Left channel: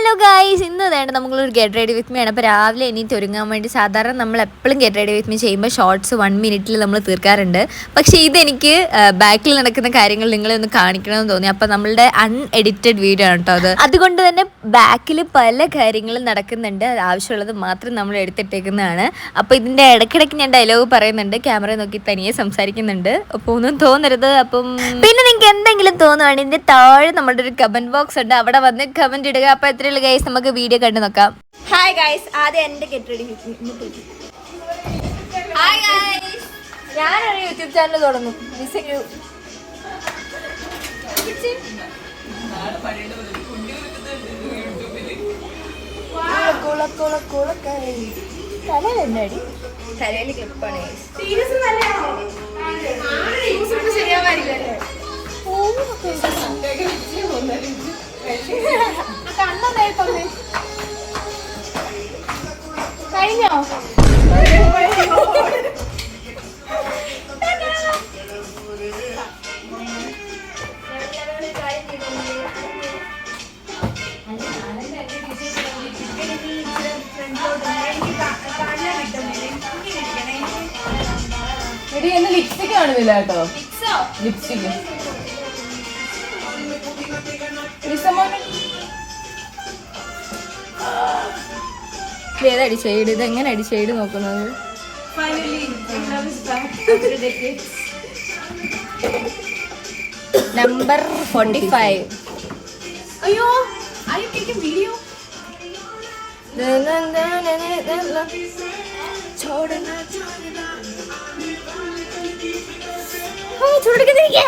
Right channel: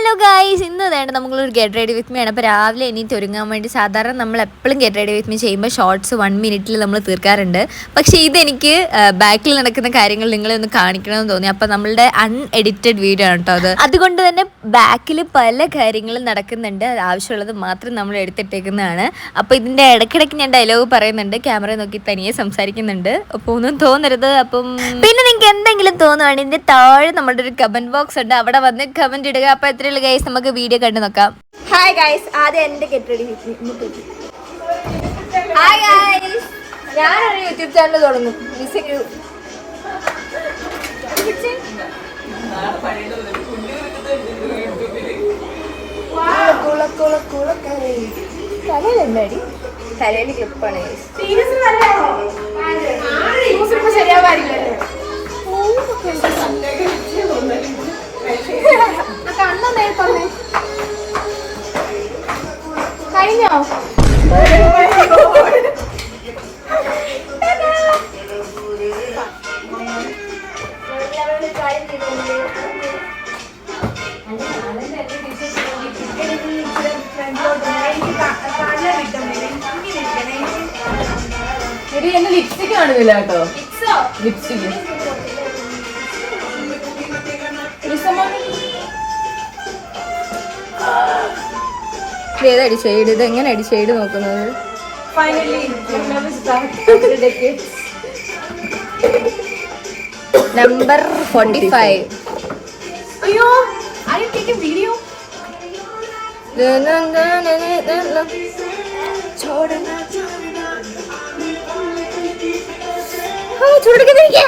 Hello guys, ഇന്ന് വേണ്ട നമ്മളൊരു ഗെറ്റ് റെഡി വിത്ത് മീ ആണ്. അപ്പോൾ രാവിലെ എണീറ്റ് ഒരുങ്ങാൻ വേണ്ടി സാധാരണ നമ്മൾ എപ്പോഴും ഗെറ്റ് റെഡി വിത്ത് മീ ചെയ്യുമ്പോൾ ഷോർട്സ് 1 മിനിറ്റിൽ നമ്മൾ തീർക്കാറുണ്ട്. പക്ഷേ ഇതെനിക്ക് ബാക്കിൽ നടക്കുന്ന കാര്യങ്ങൾ നിങ്ങളെ ഒന്ന് കാണിക്കണമെന്ന് തോന്നി. അപ്പോൾ നമ്മളുടെ അൺഎഡിറ്റഡ് വീഡിയോ ആണ് കേട്ടോ അത്. അതുകൊണ്ട് തന്നെ ബാക്കിൽ പല കാര്യങ്ങളും നടക്കുന്നുണ്ട്. ആവശ്യമുള്ളത് മാത്രം നമ്മൾ എടുത്തിട്ടേക്കുന്നതാണ്. അപ്പോൾ ഇതിൻ്റെ ഇടയ്ക്കിടയ്ക്ക് ഞാൻ ഡയലോഗ് പറയുന്നുണ്ട്, ക്യാമറ നോക്കി തനിയെ സംസാരിക്കുന്നുണ്ട്. അപ്പോൾ ഒന്നും തോന്നരുത്. അപ്പം പിന്നെ നിങ്ങൾക്ക് എന്തെങ്കിലും തോന്നുവാണെങ്കിൽ ഇതിൻ്റെ താഴെ നമ്മുടെ ഒരു കമൻറ്റ് ബോക്സ് ഉണ്ട്, അവിടെ വന്ന് കമൻറ്റ് ഇടുക. അപ്പോൾ എത്രയുള്ള ഗൈസ് നമുക്ക് വീഡിയോ കണ്ടു നോക്കാം. ഹായ് ഗൈസ്, ആദ്യം എന്റെ get ready with me. Hi guys, ഞാനൊരു യൂട്യൂബ് ചാനൽ തുടങ്ങും. തലയിൽ ക്ലിപ്പാണ്. കഴിഞ്ഞോ? ലിപ്സ്റ്റിക് കാണുന്നില്ല കേട്ടോ. ലിപ്സ്റ്റിക് ഏതടി ഷെയ്ഡ്? ഇത് എങ്ങനെ അടി ഷെയ്ഡ് നോക്കുന്നത്? നമ്പർ 45. അയ്യോ, ഐ ആം ടേക്കിംഗ് വീഡിയോ. ചൂടെടുക്കുന്നിരിക്കുക.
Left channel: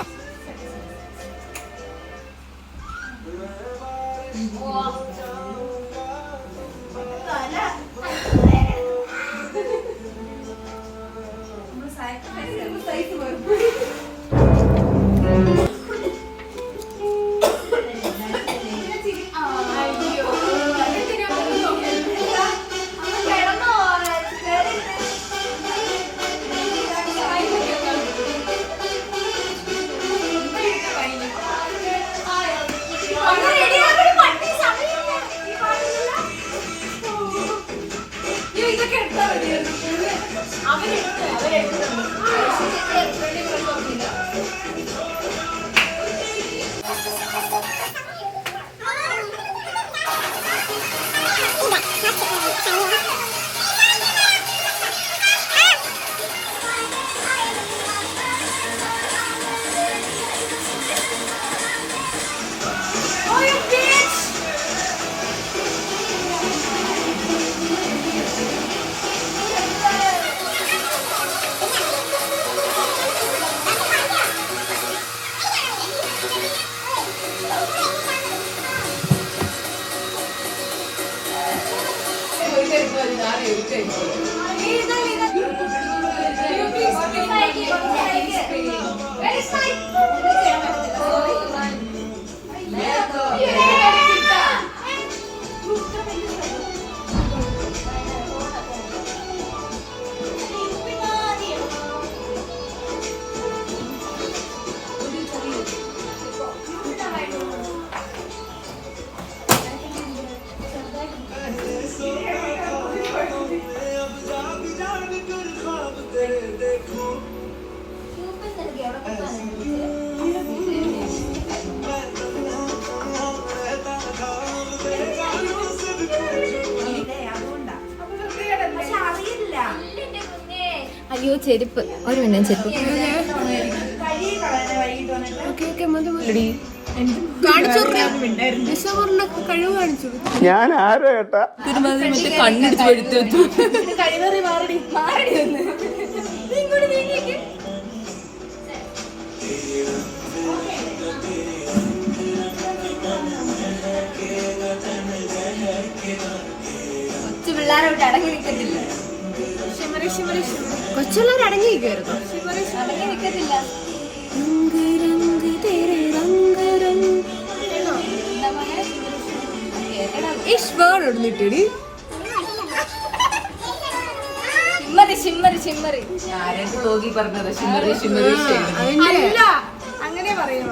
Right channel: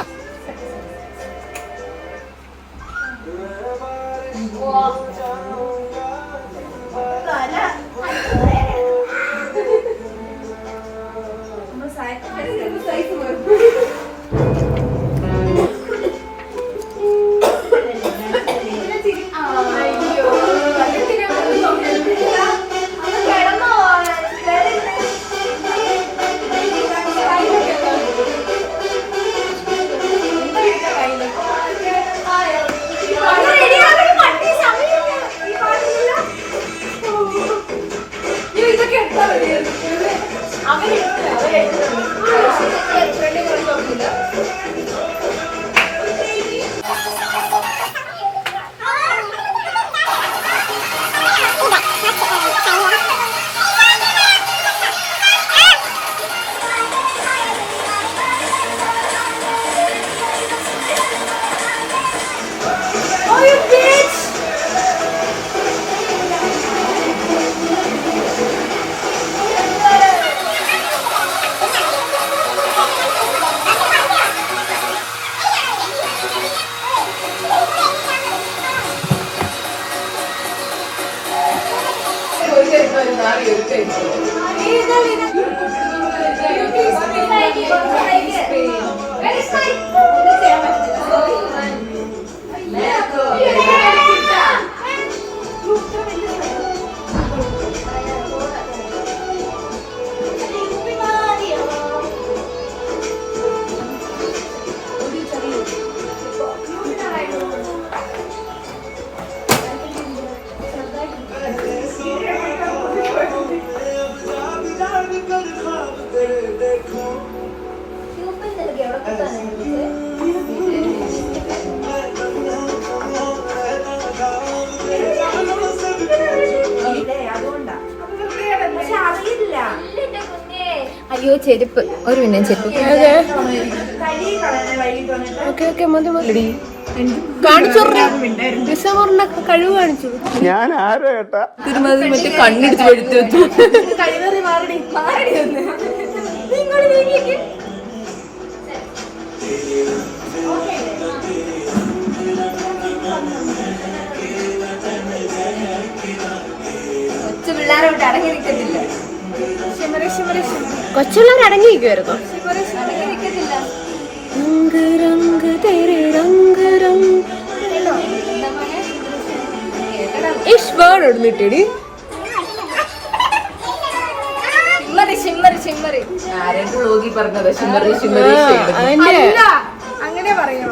അയ്യോ, ചെരുപ്പ്. ഒരു മിനിറ്റ്, ചെരുപ്പ് കഴിവ് കാണിച്ചു. ഞാൻ ആരോ ഏട്ടാ തിരുമാതിരി മറ്റേ കണ്ണിടിച്ച് പെടുത്തു. കൊച്ചു പിള്ളേരോട്ട് അടങ്ങി നിൽക്കത്തില്ല. കൊച്ചുള്ളവർ അടങ്ങിയിരിക്കുമായിരുന്നു. ഇടുന്നിട്ടടി അങ്ങനെ പറയാ.